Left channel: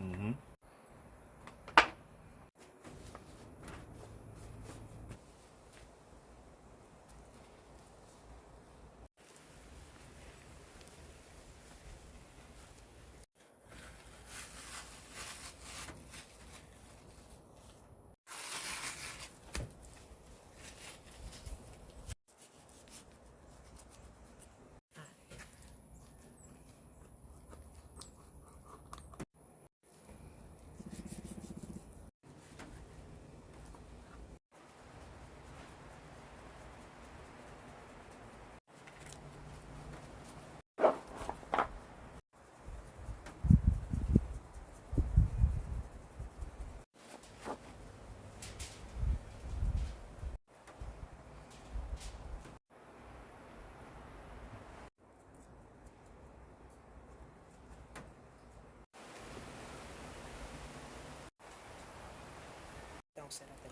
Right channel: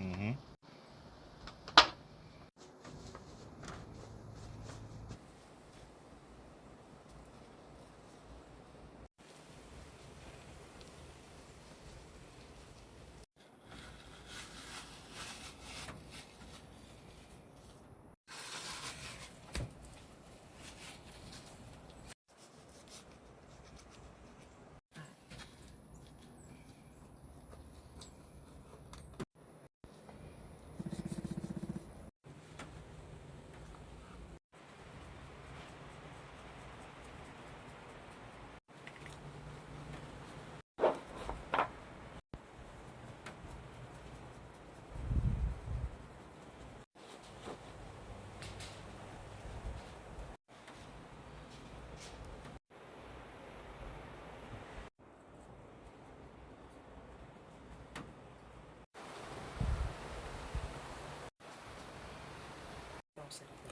Mm-hmm.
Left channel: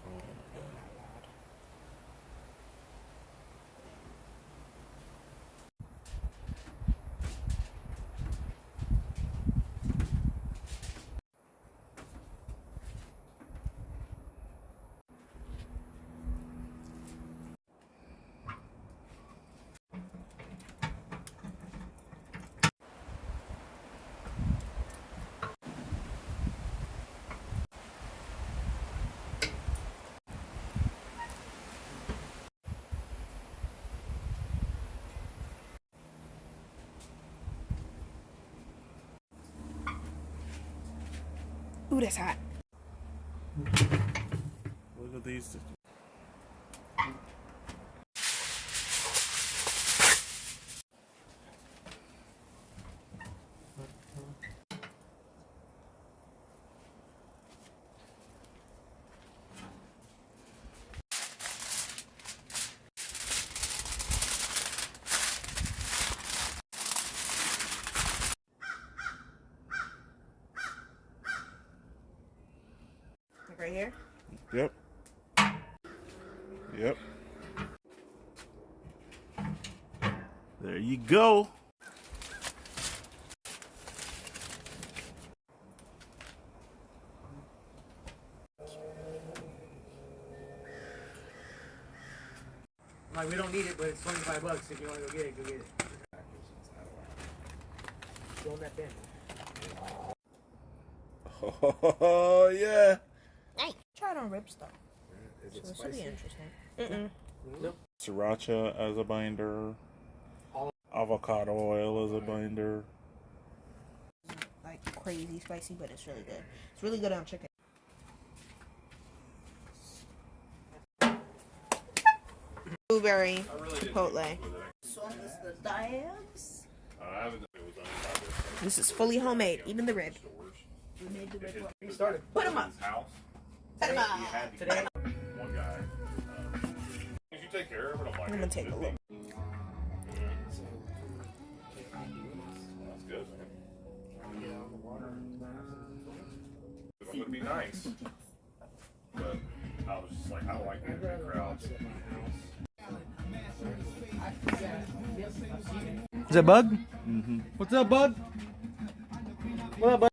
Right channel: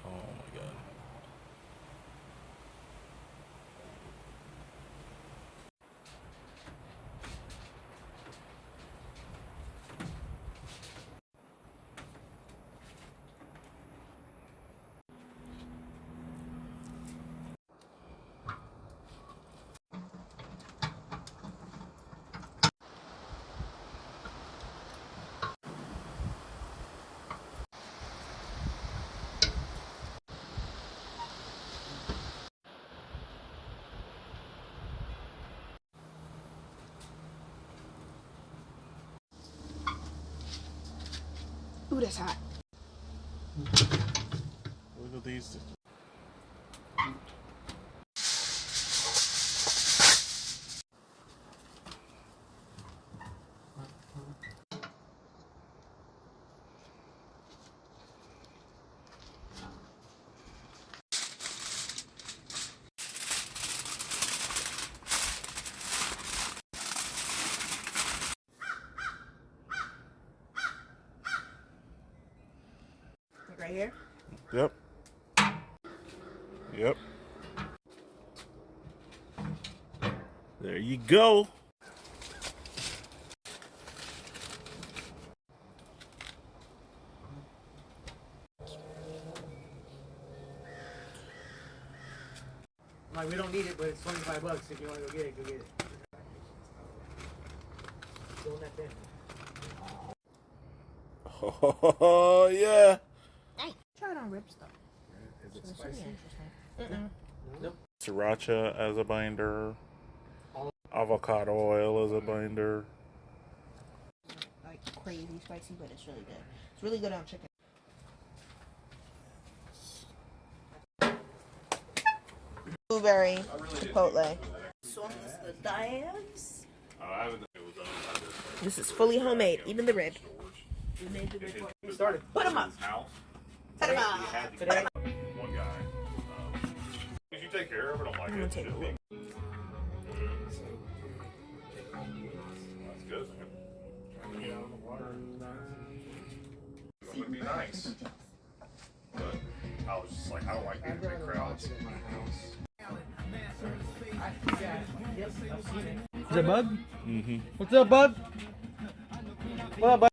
Oh my God. Ooh, that's hot. Look at these. Right here? Yep. Yep. There you go. Like, we don't need it, but it's $25 if you want to go get it, go get it. Go in that bin. Oh yeah. Hey, try it on rib stuff. Is it This should be spicy? interesting. Nope. Sriracha as a binder. Avocado oil as a binder. Like crazy spicy, but it's really good. It's really good on chicken. Blueberry chipotle. So the Diabs. This is fully homemade, even the rib. We made the rib. We started. Put them up. Put them up. Today. One guy. If you take care of it, I'm like, I'm gonna take a look. That's good, man. It's gonna be nice. But I was just like, I don't like being in big crowds. Is that Bug? Mm-hmm. What's up, Bug? What up, Bug?